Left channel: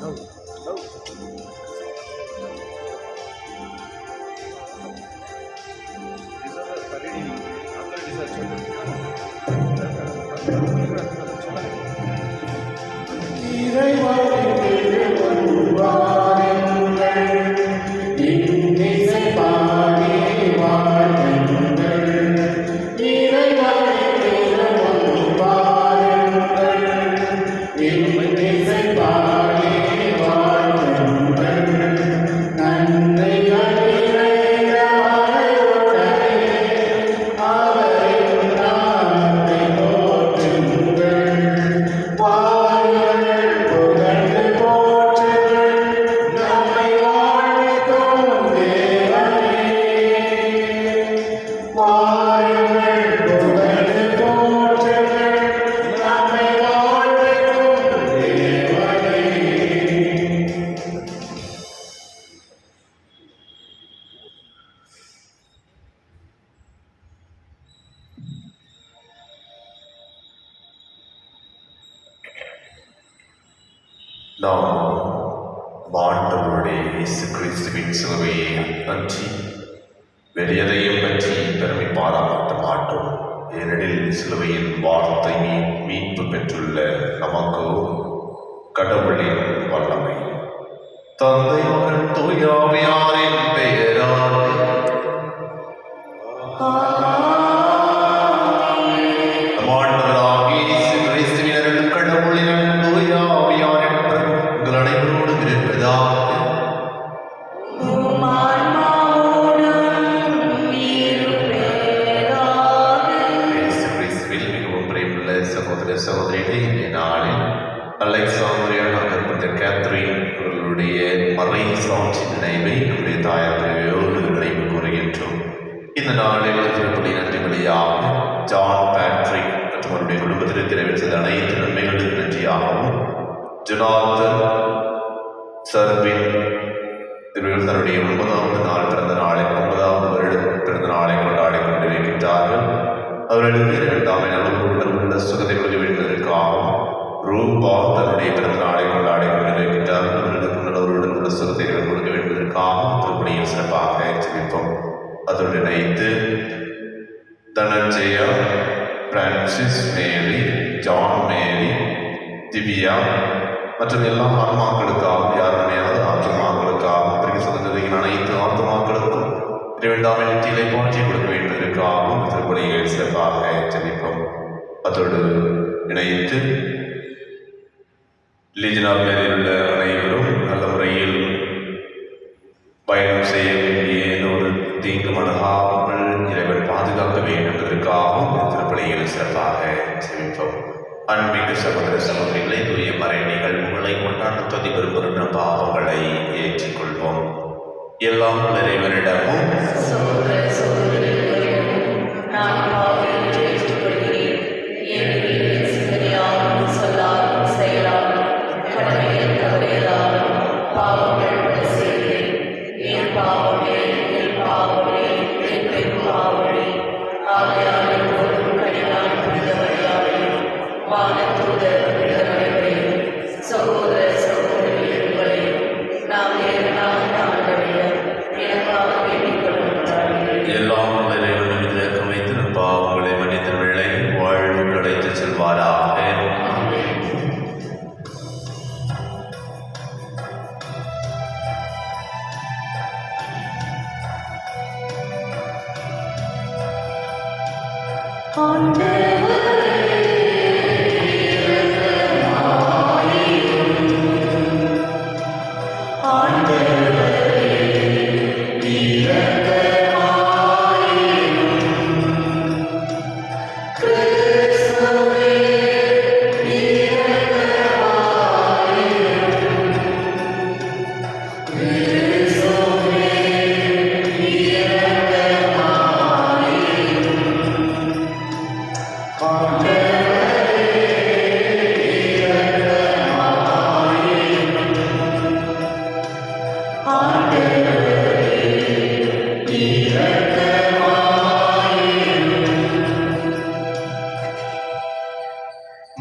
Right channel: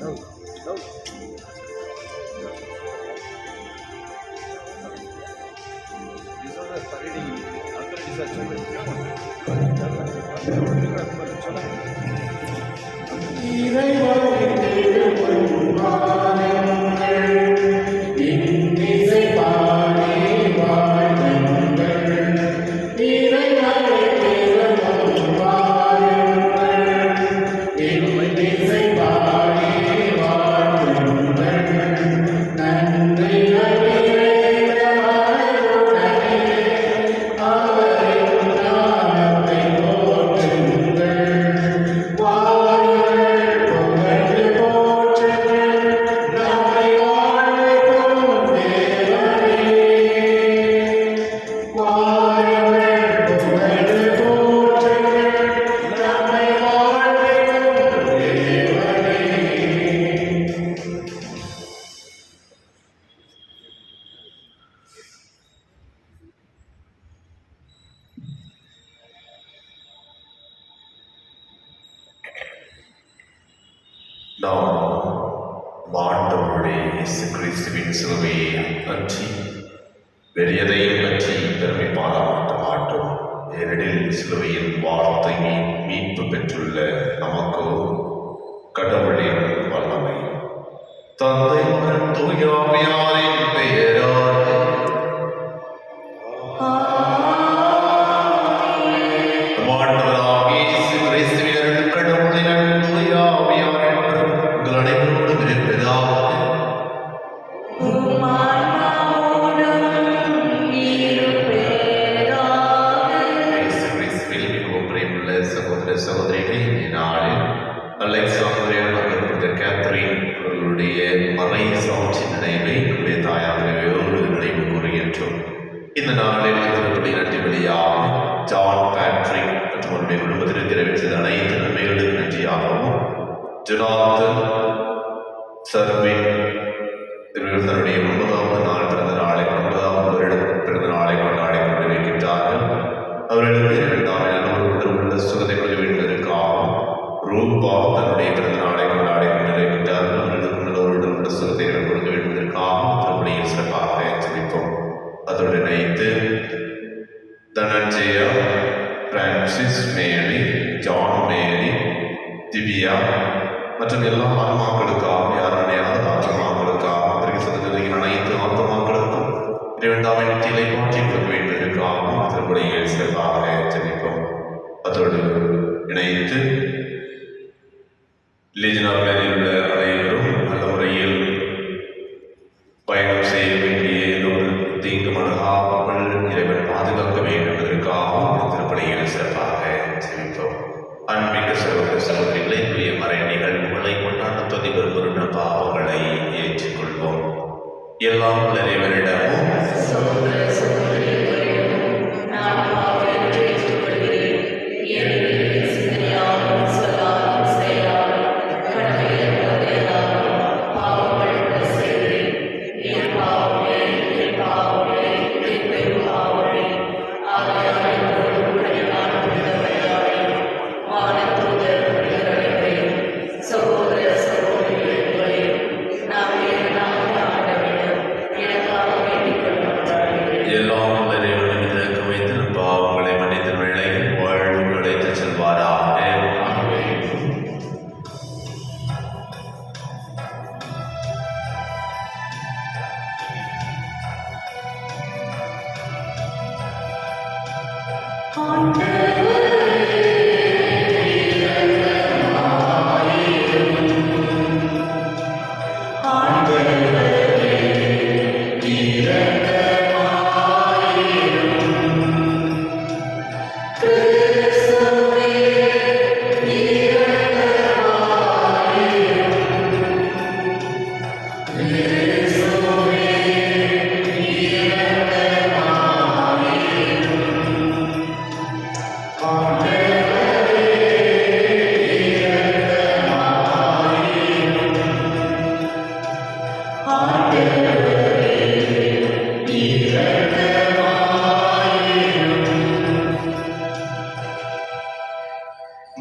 No, no. These are the parading authorities are chosen. நாம் ஆண்டவருடைய இயேசு கிறிஸ்துவின் சிலுவையை பற்றி வேறு எதையும் பற்றி பெருமை பாராட்ட மாட்டோம். ஏனெனில் சிலுவையின் வார்த்தை மீட்பு பெற்றுள்ள நமக்கு கடவுளின் வல்லமை தந்தை மகன் தூய ஆவியாரின் பெயரால் இந்த நாளில் திருப்பலி நன்றிபலியாக ஜான் பேட்ரிக் மற்றும் அவருடைய குடும்பத்திற்கு தெரிவித்தது அனைத்து நன்மைகளுக்கு நன்றியாகவும் ஜொனாத்தன் சர்வின் இவர்கள் தன்னுடைய 9வது நாள் பிறந்த நாளை 9வது வருட பிறந்த நாளை கொண்டாடி கொண்டிருக்கின்றார்கள். அவர்களுக்கு 2ஆம் நல்ல உள்ள சுகத்தை கொள்வதற்காகவும் ரூபா தன்னுடைய பிறந்த நாளை கொண்டாடி கொண்டிருக்கின்றார்கள். அவர்களுக்கு நல்லவருடன் உள்ள சுகத்தை கொடுக்க வேண்டுவதற்காகவும் திருப்பலியை சிறப்பாக ஜெபிப்போம். அதோடு இணைத்து தனஞ்சயா, பிரான்சிஸ் மேரி, ஜான் மேரி, திவ்யா மற்றும் எல்லா ஆத்மாக்களுக்காக யாருடையாவது ஆத்மாக்களுக்காக அனைத்து ஆத்மாக்களுக்கும் 2ஆம் இடத்திலே மாற்றி கொடுக்க வேண்டியதற்காகவும் திருப்பலியை சிறப்பாக ஜெபிப்போம். அதோடு இணைத்து லீஜன் ஆஃப் மேரியில் உள்ள அனைவரும் நல்ல முறையில் பயணம் செய்ய வேண்டிய தீங்கு மனதாமல் இறைவன் பாதுகாக்க வேண்டும் என்பதற்காகவும் திருப்பலியில் சிறப்பாக ஜெபிப்போம். அன்பிக்க சகோதர சகோதரிகளை தூய மறை நிகழ்வுகளை கொண்டாட தொதி விரும்புகின்ற பாவங்களை ஏற்றுக்கொள்வோம். எல்லாம் இறைவனிடமும்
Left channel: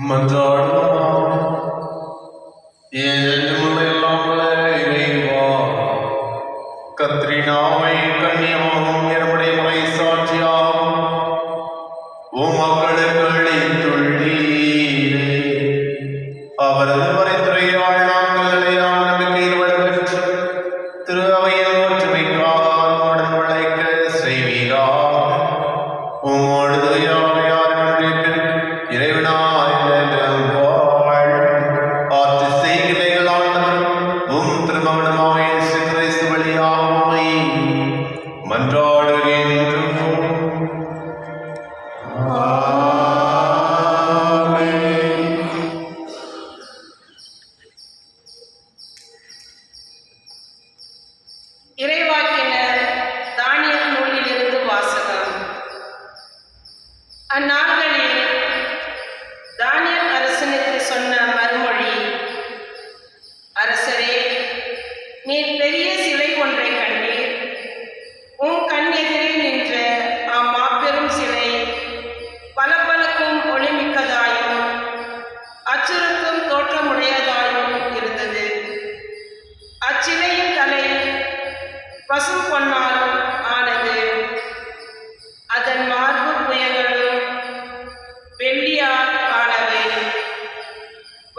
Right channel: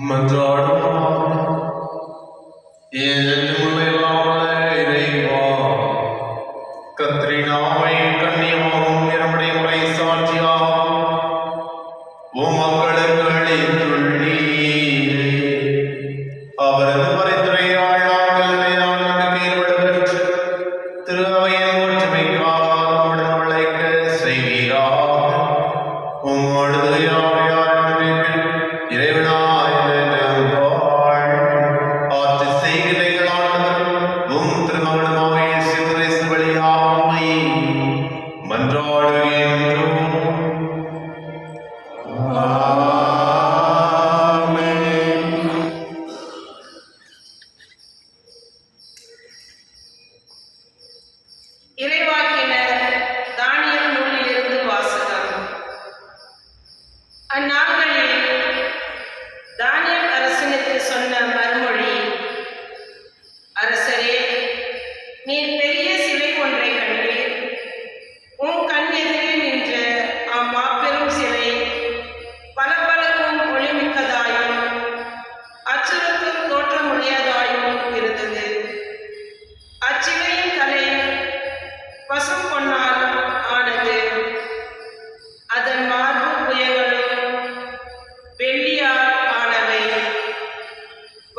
மன்றாடுவோம்.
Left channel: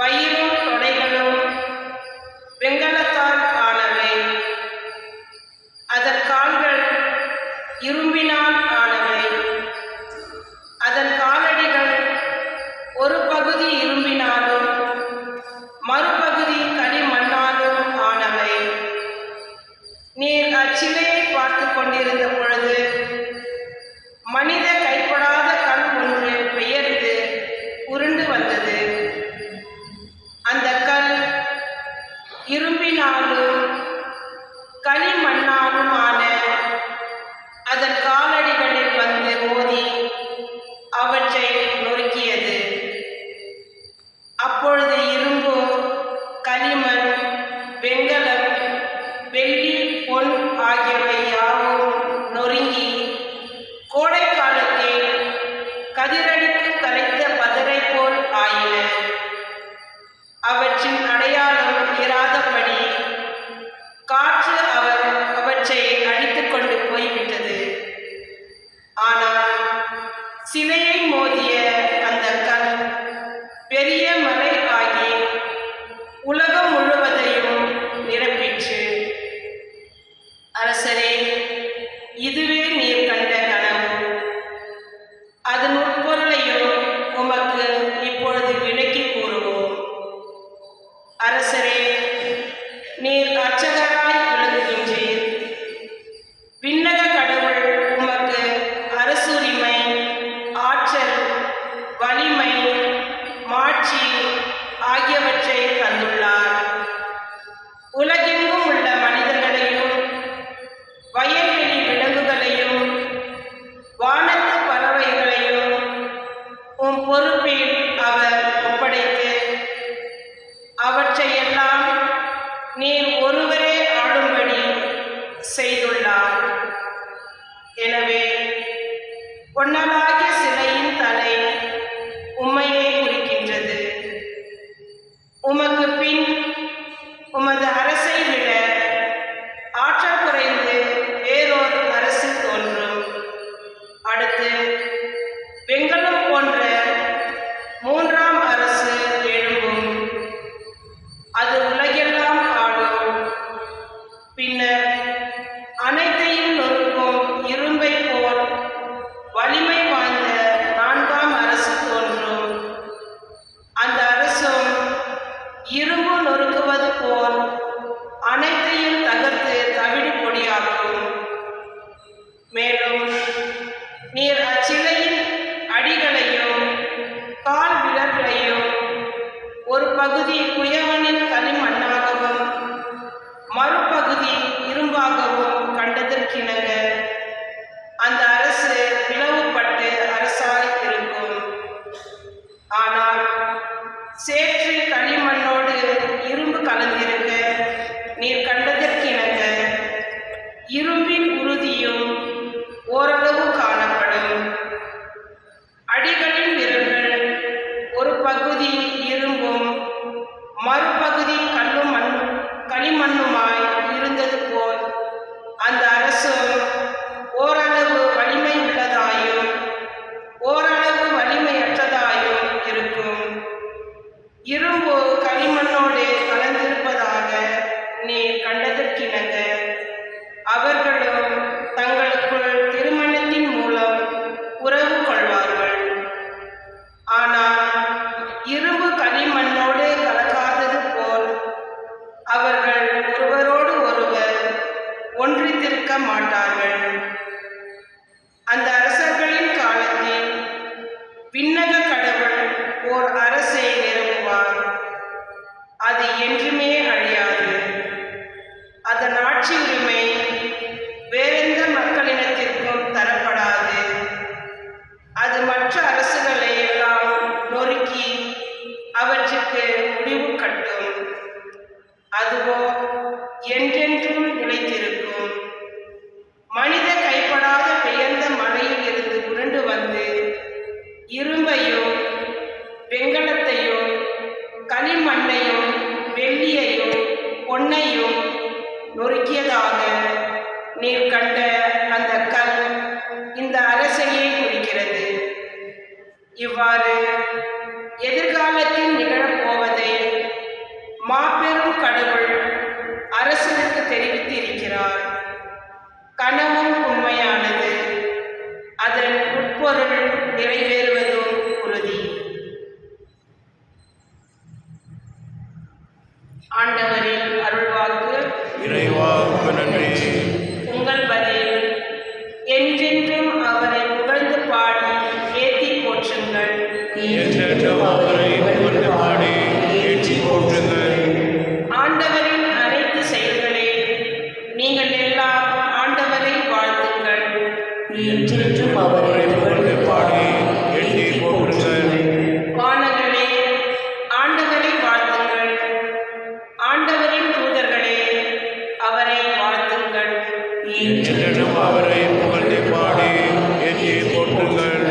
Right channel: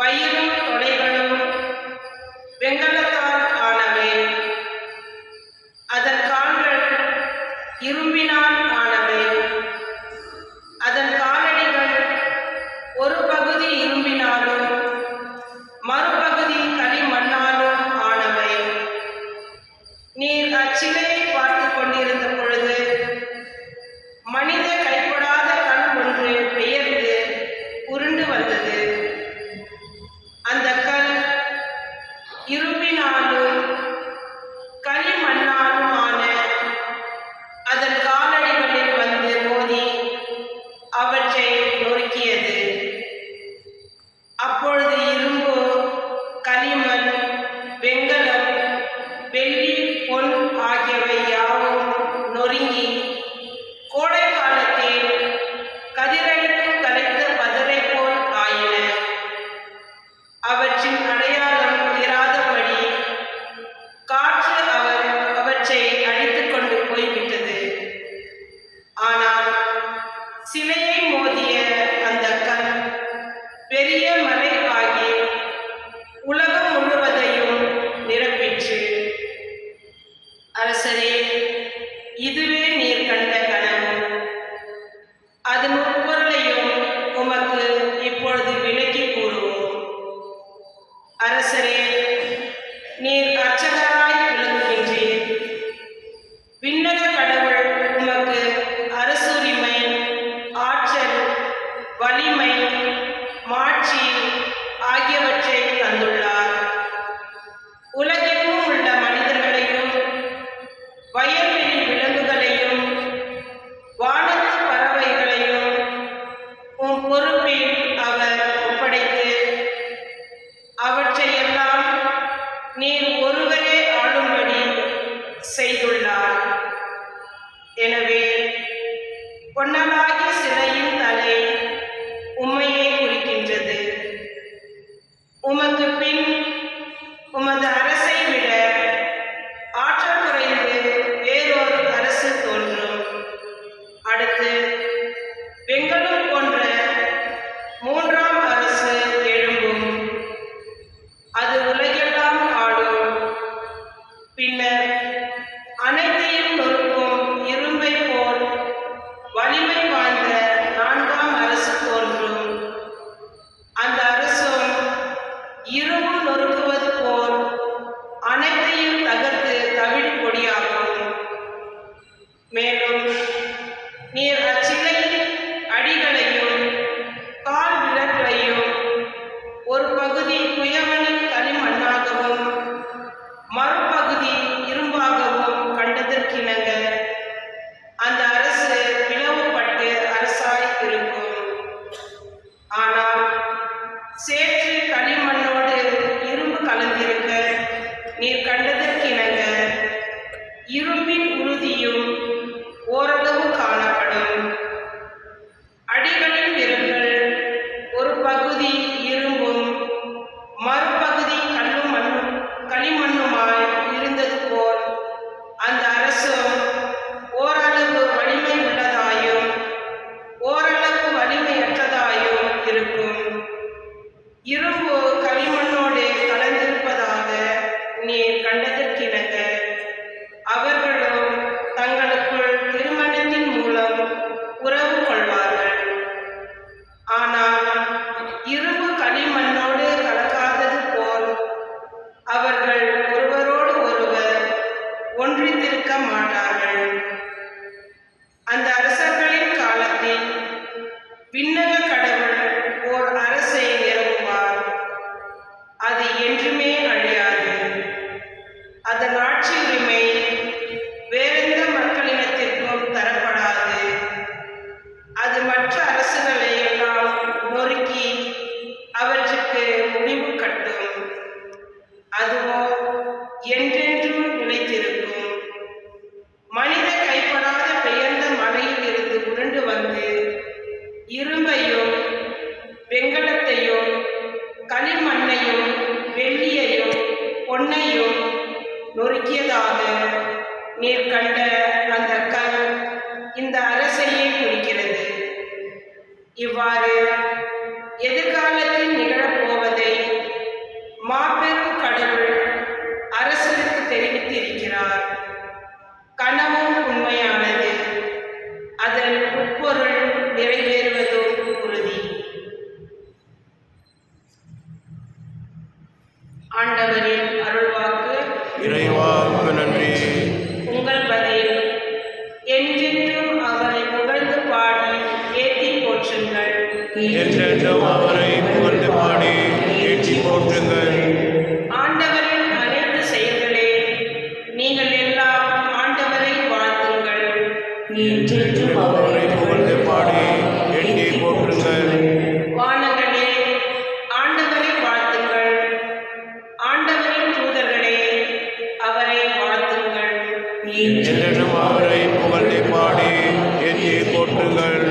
வயிறும் தொடைகளும் வெண்கலத்தால் ஆனவை. அதன் கால்கள் இரும்பினால் ஆனவை. அதன் காலடிகள் ஒரு பகுதி இரும்பினாலும் மறுபகுதி களிமண்ணாலும் ஆனவை. நீர் அச்சிலையை பார்த்து கொண்டிருந்த பொழுது மனித கைப்படாத கல் ஒன்று பெயர்ந்து உருண்டு வந்தது. அந்த கல் இரும்பினாலும் களிமண்ணாலுமான அதன் காலடிகளில் வந்து மோதி அவற்றை நொறுக்கியது. அப்பொழுது இரும்பு, களிமண், வெண்கலம், வெள்ளி, பொன் ஆகியவை யாவும் நொறுங்கி கோடை காலத்தில் கதிரடிக்கும் கலைத்த பதரை போல் ஆயின. அவற்றின் அடையாளம் இராதபடி காற்று அவற்றை அடித்துக் கொண்டு போய்விட்டது. ஆனால் சிலையை மோதிய அந்த கல் பெரிய மலை ஆகி உலகம் முழுவதையும் நிரப்பிற்று. அரசரே, இதுவே நீர் கண்ட கனவு. அதன் உட்பொருளையும் உமக்கு இப்பொழுது விளக்கி கூறுவோம். அரசரே, நீர் அர்ச்சகராய் விளங்குகின்றீர். விண்ணக கடவுள் உமக்கு அரசுரிமை, ஆற்றல், வலிமை, மாட்சி ஆகியவற்றை தந்துள்ளார். உலகெங்கும் உள்ள மனிதர்களையும் வயல்வெளி விலங்குகளையும் வானத்து பறவைகளையும் உம் பொறுப்பில் அவர் ஒப்படைத்து அவற்றையெல்லாம் நீர் ஒருவரே ஆளும்படி செய்துள்ளார். எனவே பொன்னலாகிய சிலையின் தலை உம்மையே குறிக்கின்றது. உமக்கு பின் உமது அரசை விட ஆற்றல் குறைந்து வேறொரு அரசு தோன்றும். அடுத்து வெண்கலம் போன்ற மூன்றாம் அரசு எழும்பும். அது உலகெல்லாம் ஆளும். பின்னர் அனைத்தையும் நொறுக்கும் இரும்பை போல் வலிமை வாய்ந்த நான்காம் அரசு தோன்றும். அந்த அரசும் இரும்பு நொறுக்குவது போல் அனைத்தையும் தகர்த்து தவிடு பொடியாக்கும். மேலும் நீர் அச்சிலையின் அடிகளையும் கால் விரல்களையும் ஒரு பகுதி குயவனின் களிமண்ணாகவும் மறுபகுதி இரும்பாகவும் கண்டதற்கிணங்க அந்த அரசு பிளவுபட்டு அரசாய் இருக்கும். ஆனால் சேற்று களிமண்ணோடு இரும்பு கலந்திருக்க நீர் கண்டதற்கிணங்க இரும்பின் உறுதியும் ஓரளவு காணப்படும். அடிகளின் நிறங்கள் ஒரு பகுதி இரும்பும் மறுபகுதி களிமண்ணுமாய் இருந்தது போல் அந்த அரசும் ஓரளவு வலிமை உள்ளதாயும் ஓரளவு வலிமையற்றதாயும் இருக்கும். இரும்பு களிமண்ணோடு கலந்திருப்பதாக நீர் கண்டதற்கிணங்க அவர்களும் தங்களுக்குள் திருமணத்தின் மூலம் உறவு கொள்வார்கள். ஆனால் இரும்பு களிமண்ணோடு கலக்காதது போல் அவர்கள் ஒருவரோடு ஒருவர் ஒன்றித்திருக்க மாட்டார்கள். அந்த அரசர்களின் காலத்தில் விண்ணக கடவுள் ஓர் அரசை நிறுவுவார். அது என்றுமே அழியாது. அதன் ஆட்சி உரிமை வேறெந்த மக்களினத்திற்கும் தரப்படாது. அது மற்ற அரசுகளை எல்லாம் நொறுக்கி அவற்றுக்கு முடிவு கட்டும். அதுவோ என்றென்றும் நிலைத்திருக்கும். மனித கைப்படாத பெயர்ந்த மலையில் இருந்து உருண்டு வந்து இரும்பையும் வெண்கலத்தையும் களிமண்ணையும் வெள்ளியையும் பொன்னையும் நொறுக்கியதாக நீர் கண்ட அந்த கல் இந்த அரசையே குறிக்கிறது. இவ்வாறு எதிர்காலத்தில் நிகழப்போவதை ஆண்டவரின் அருள்வாக்கு. இறைவாவுக்கு நன்றி. உங்கள் பதில். என்றென்றும் அவரை புகழ்ந்து பாடி ஏத்தி போற்றுங்கள். என்றென்றும் அவரை புகழ்ந்து பாடி ஏற்றி போற்றுங்கள். ஆண்டவரின் அனைத்து செயல்களே, நீங்கள் எல்லாம் ஆண்டவரை வாழ்த்துங்கள். என்றென்றும் அவரை புகழ்ந்து பாடி ஏற்றி போற்றுங்கள். வானங்களே, ஆண்டவரை வாழ்த்துங்கள். ஆண்டவரின் தூதர்களே, அவரை வாழ்த்துங்கள். என்றென்றும் அவரை புகழ்ந்து பாடி ஏற்றி போற்றுங்கள்.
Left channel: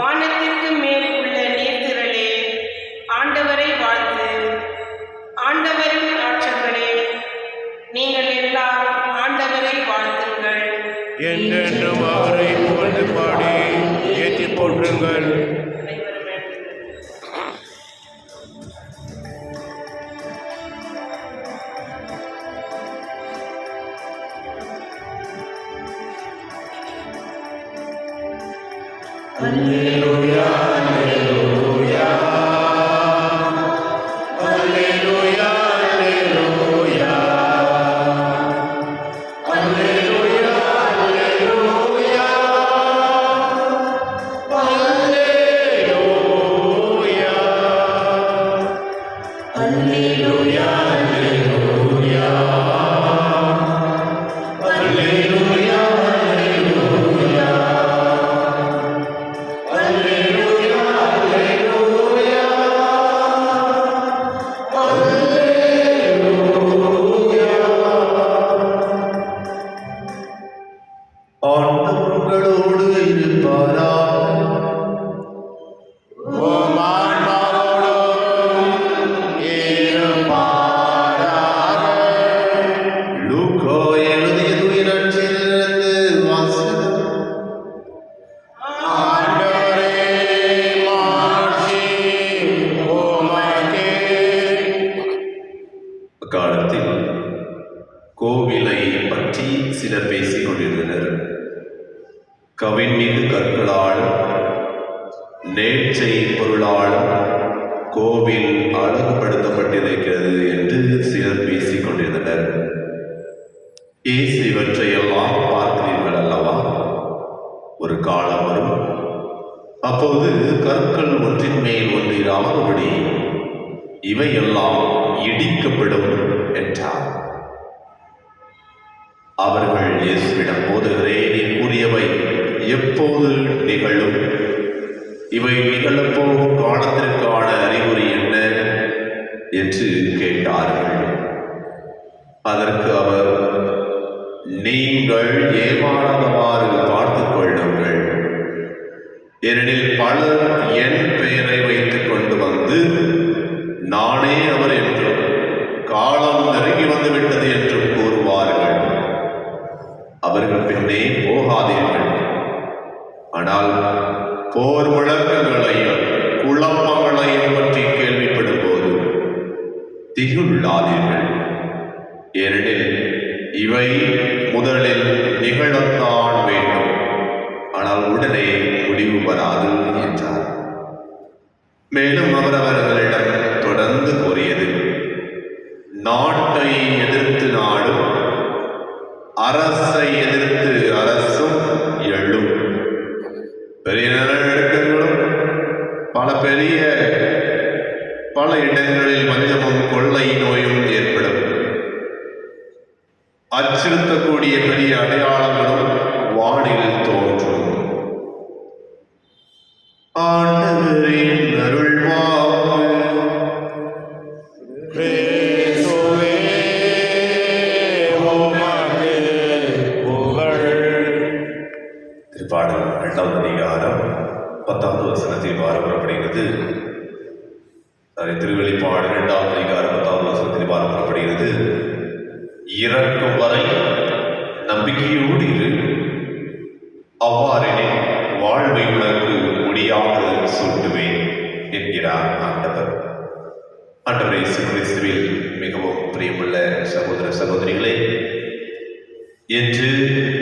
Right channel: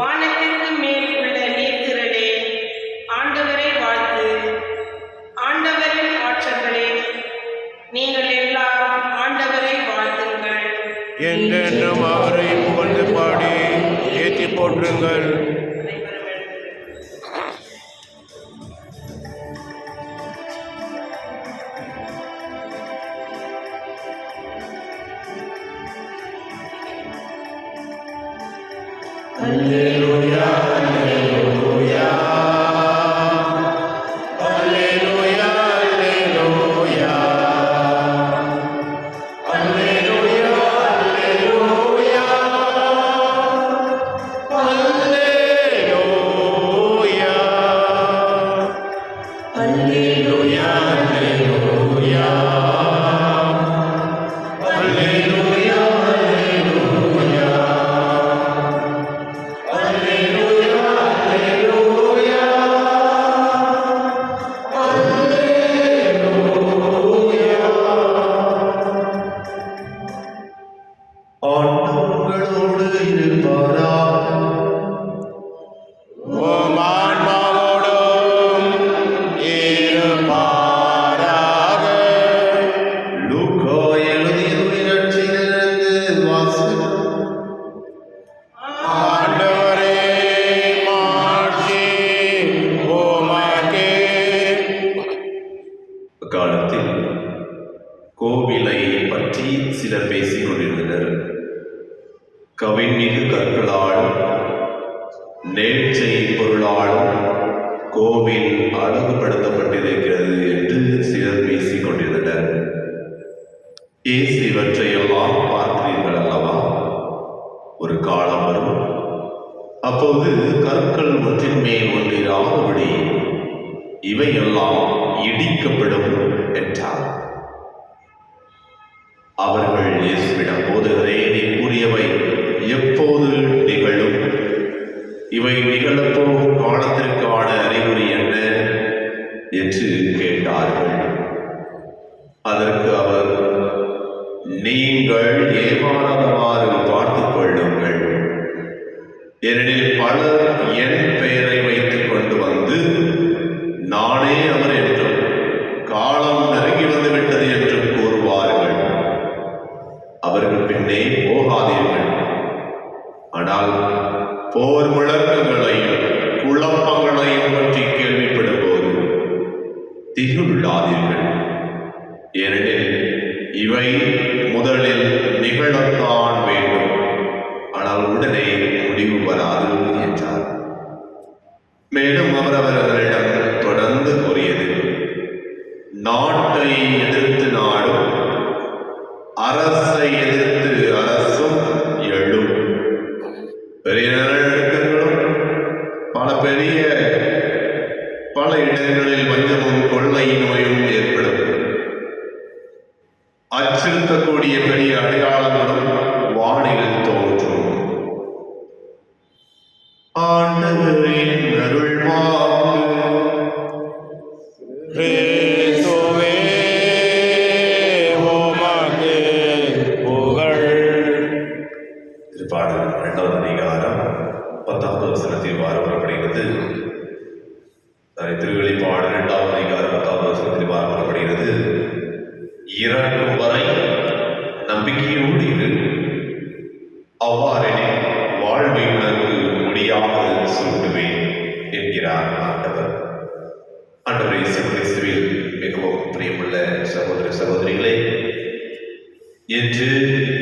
வானத்திற்கு மேல் உள்ள நீர்த்திரளே, ஆண்டவரை வாழ்த்து. ஆண்டவரின் ஆற்றல்களே, நீங்கள் எல்லாம் ஆண்டவரை வாழ்த்துங்கள். என்றென்றும் அவரை புகழ்ந்து பாடி ஏற்றி போற்றுங்கள். அனைவரும் எழுந்து. அல்லேலூயா, அல்லேலூயா. அல்லேலூயா, அல்லேலூயா. அல்லேலூயா, அல்லேலூயா. அல்லேலூயா. அல்லேலூயா, அல்லேலூயா. அல்லேலூயா, அல்லேலூயா. Alleluia, alleluia, alleluia. ஆண்டவர்களோடு இருப்பாராக. உம் ஆன்மாவோடும் இருப்பாராக. லூக்கா எழுதிய நற்செய்தியிலிருந்து வாசகம். ஆண்டவரே, மாட்சி உமக்கே. அக்காலத்தில் கோவிலை பற்றி சிலர் பேசிக் கொண்டிருந்தனர். கவின்மிகு கற்களாலும் நேர்ச்சை பொருளாலும் கோவில் அழகுபடுத்தப்பட்டிருக்கிறது என்று சிலர் பேசிக் கொண்டிருந்தனர். இயேசு இவற்றையெல்லாம் பார்க்கிறீர்கள் அல்லவா? ஒரு காலம் வரும், அப்போது கற்கள் ஒன்றின் மேல் ஒன்றிராதபடி இவையெல்லாம் இடிக்கப்படும் என்றார். அவர்கள் இயேசுவிடம், போதகரே, நீர் கூறியவை எப்போது நிகழும்? இவை நிகழப்போகும் காலத்திற்கான அறிகுறி என்ன என்று கேட்டார்கள். அதற்கு அவர், நீங்கள் ஏமாறாதவாறு பார்த்துக் கொள்ளுங்கள். ஏனெனில் பலர் என் பெயரை வைத்துக் கொண்டு வந்து நானே அவர் என்றும் காலம் நெருங்கி வந்துவிட்டது என்றும் கூறுவார்கள். அவர்கள் பின்னே போகாதீர்கள். ஆனால் போர் முழக்கங்களையும் குழப்பங்களையும் பற்றி கேள்விப்படும் போது திகிலுள்ளாதீர்கள். ஏனெனில் இவை முதலில் நிகழத்தான் வேண்டும், ஆனால் உடனே முடிவு வராது என்றார். மேலும் அவர் அவர்களிடம் தொடர்ந்து கூறியது, நாட்டை எதிர்த்து நாடும், அரசை எதிர்த்து அரசும் எழும். பெரிய நிலநடுக்கங்களும் பல இடங்களில் வஞ்சமும் கொள்ளை நோயும் ஏற்படும். அச்சுறுத்தக்கூடிய பெரிய அடையாளங்களும் வானில் தோன்றும். ஆண்டவரின் அருள்வாக்கு. கிறிஸ்துவே, உமக்கே புகழ். திருப்பாடல் 2வது அதிகாரம் 10வது வசனத்தில் வரப்படுகிறது. திருவெளிப்பாடு 2வது அதிகாரம் 10வது வசனத்தில் வரப்படுகிறது. இறக்கும் வரை நம்பிக்கையோடு இரு, அவ்வாறெனில் வாழ்வை உனக்கு முடியாக சூட்டுவேன் என்கிறார் ஆண்டவர். ஆண்டவர் இயேசு கிறிஸ்துவில் மிகவும் பிரியமுள்ள சகோதர சகோதரிகளே, என்று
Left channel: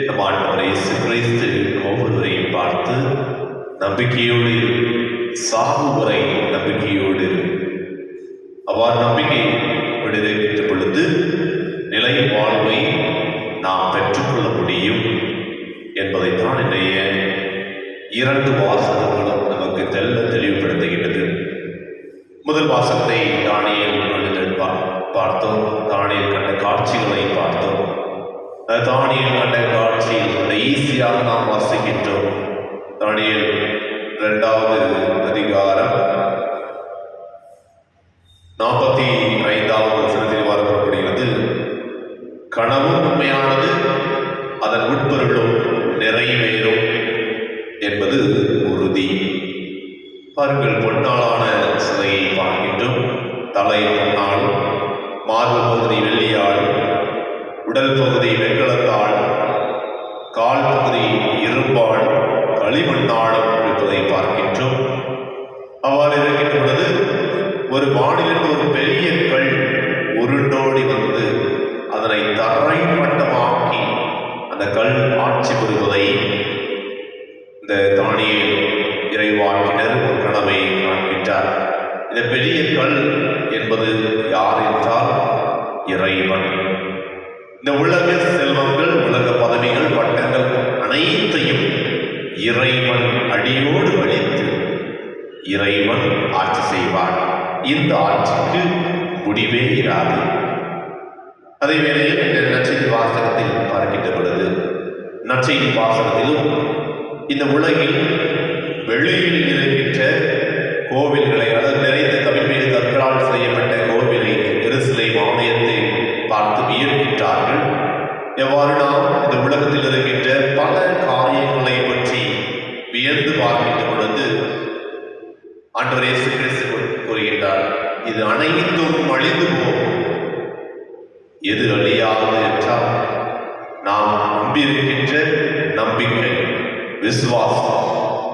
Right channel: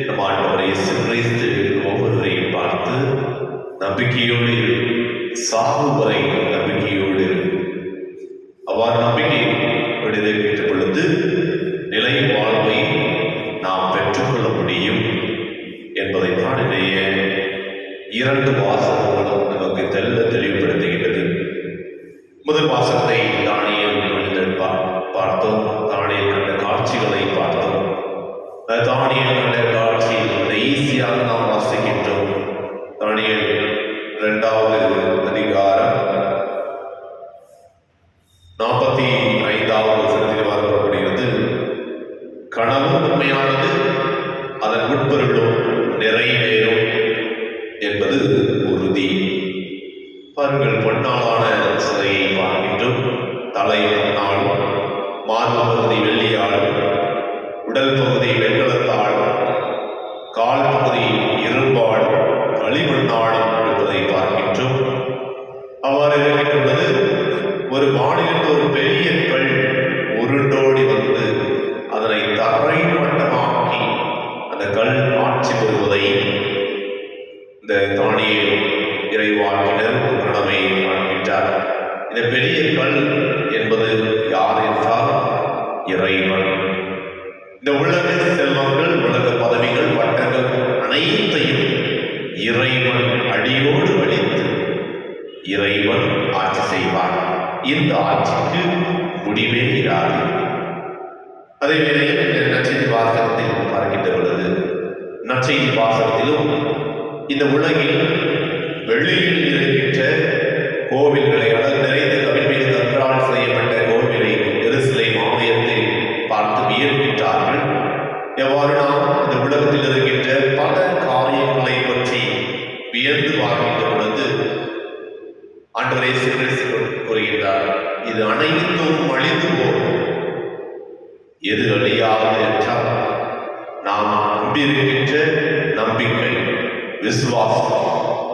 நம் ஆண்டவர் இயேசு கிறிஸ்து ஒவ்வொருவரையும் பார்த்து நம்பிக்கையோடு சாகு வரை நம்பிக்கையோடு, அவ்வாறு நம்பிக்கை விடுகின்ற பொழுது நிலை வாழ்வை நாம் பெற்றுக்கொள்ள முடியும் என்பதைத்தான் இன்றைய 2 வாசகங்களும் நமக்கு தெளிவுபடுத்துகின்றது. முதல் வாசகத்தை தானியேல் மனிதன் பார்த்தோம். தானியேல் கண்ட காட்சிகளை பார்த்தோம். தானியேல் கண்ட காட்சியில் ஈஸியாக நாம் வாசிக்கின்றோம். தானியேல் 2வது அதிகாரம் 45வது வசனத்தில் வரப்படுகிறது. கனவு உண்மையானது, அதன் உட்பொருளும் நிறைவேறும் என்பது உறுதி. பாருங்கள், பொன்னாலான சிலையை பார்க்கின்றோம். தலை பொன்னாலும், மார்பு பகுதி வெள்ளியாலும், உடல் பகுதி வெண்கலத்தாலும், கால் பகுதி இரும்பாலும், களிமண்ணாலும் இருப்பதை பார்க்கின்றோம். அவ்வாறு இருக்கின்றது. ஒரு வானிலிருந்து ஒரு பெரிய கல் உருண்டோடி வந்து அதனை தரை மட்டமாக்கி அந்த கல் ஆட்சி பெறுவதை இந்த தானியேல் இறைவாக்கினர் ஒரு கனவை காண்கின்றார். இந்த பெரிய கல் என்பது யார் என்றால் இறைவன். இந்த உலக செல்வங்கள், உலக பதவிகள், பட்டங்கள் அனைத்தையும் இறைவன் அடியோடு அழித்து இறைவன் ஆட்சி செய்வார். இந்த ஆட்சிக்கு முடிவே இராது. அதே வேளையில் இந்த நற்செய்தி வாசகத்தில் பார்க்கின்ற பொழுது, நற்செய்தி வாசகத்திலும் இந்த உலகில் வெளியில் இருக்கின்ற கோவில்களை, அதாவது நிறைந்த கவிழ்மீது கற்களால் செய்யப்பட்ட கோவிலை, எருசலேம் ஆலயத்தை பார்த்து வியக்கின்றார்கள். எவ்வாறு நாம் இந்த உலகத்தில் இருக்கின்ற பல காரியங்களை பற்றி வியந்து பார்க்கின்ற பொழுது ஆண்டவர் இயேசு கிறிஸ்து கூறுகின்றார், இது அனைத்தும் அழிந்து போகும். எது அழியாது என்றால் நாம் நம்பியிருக்கின்ற நம்பிக்கை, விசுவாசம்,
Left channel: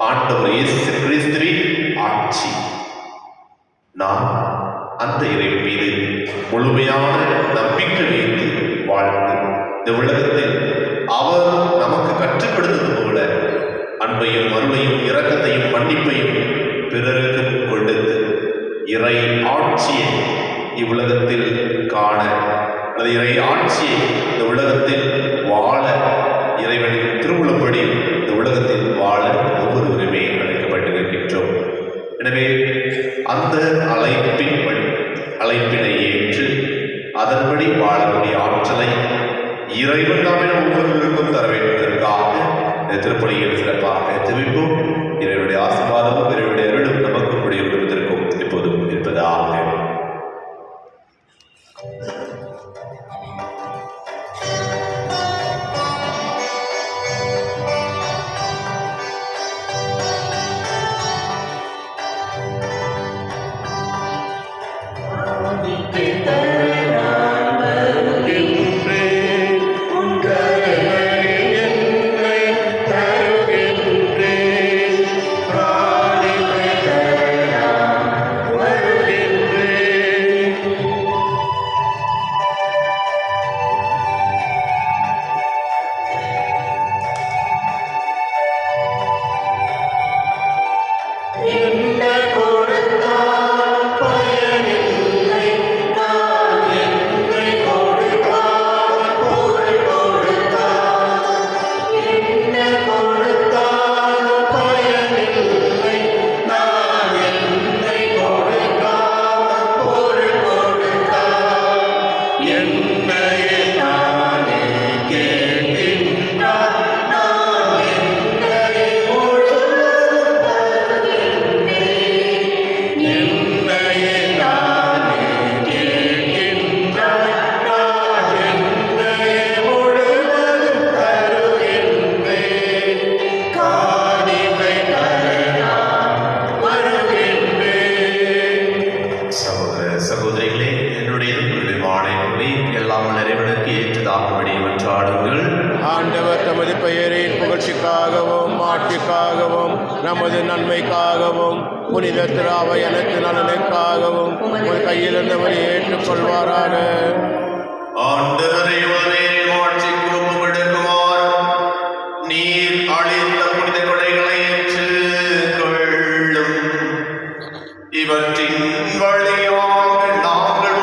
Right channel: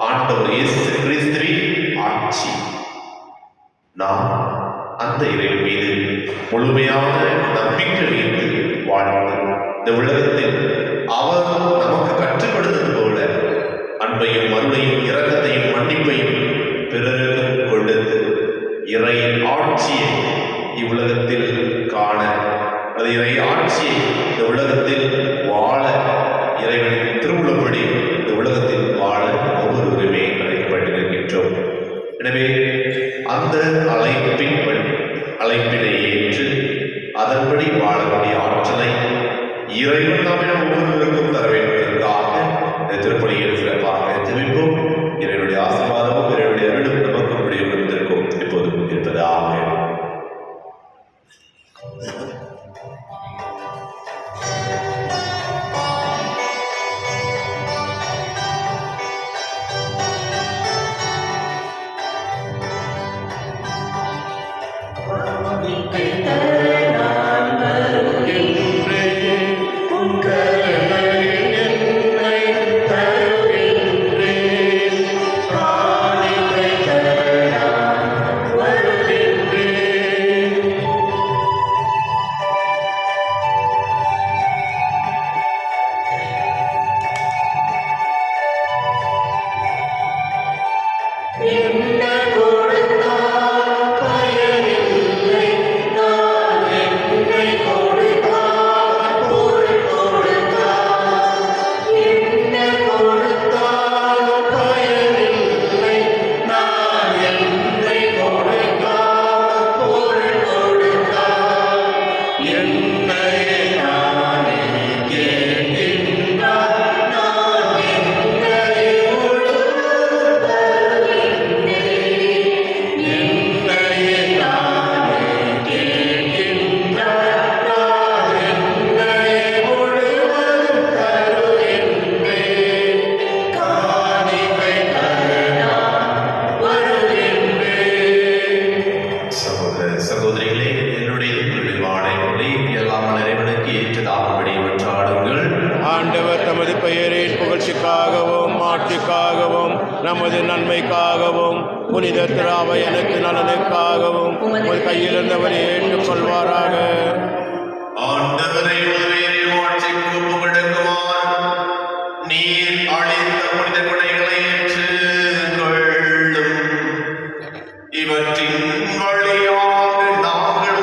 ஆண்டவர் இயேசு கிறிஸ்துவின் ஆட்சி. நாம் அந்த இறைவன் மீது முழுமையான நம்பிக்கை வைத்து வாழ்ந்து இந்த உலகத்தில் அவர் நமக்கு கற்றுக் கொடுத்தது போல அன்பையும் அருளையும் இரக்கத்தையும் மன்னிப்பையும் பிறருக்கு கொடுத்து இறை ஆட்சியை இவ்வுலகத்தில் காண, அல்லது இறை ஆட்சியை இந்த உலகத்தில் வாழ, இறைவனின் திருவுளப்படி இந்த உலகத்தில் வாழ ஒவ்வொருவருமே அழைக்கப்பட்டிருக்கின்றோம். எனவே அந்த அழைப்பினை ஏற்று அதன்படி வாழக்கூடிய ஆற்றலை இறைவன் நாமே ஒவ்வொருவருக்கும் தர வேண்டுவதற்காக இந்த திருப்பலியில் சிறப்பாக ஜெபிப்போம். இறைவனுடைய ஆசீர்வாதமும் இறைவனுடைய அருளும் நமக்கு நம்முடைய குடும்பத்திற்கும் எப்போதும் இருப்பதாக. ஆண்டவர் தமது பெயரின் புகழ்ச்சிக்காகவும் ஆட்சிக்காகவும் நமது நன்மைக்காகவும் புனித திராவை அனைத்து நலனுக்காகவும் ஒரு கையில் இருந்தவரை ஏற்றுக்கொள்வாராக. நீர் அளித்த புனித கொடைகளை ஏற்றுக்கொள்ளும். இவற்றின் வழியாக நாங்கள்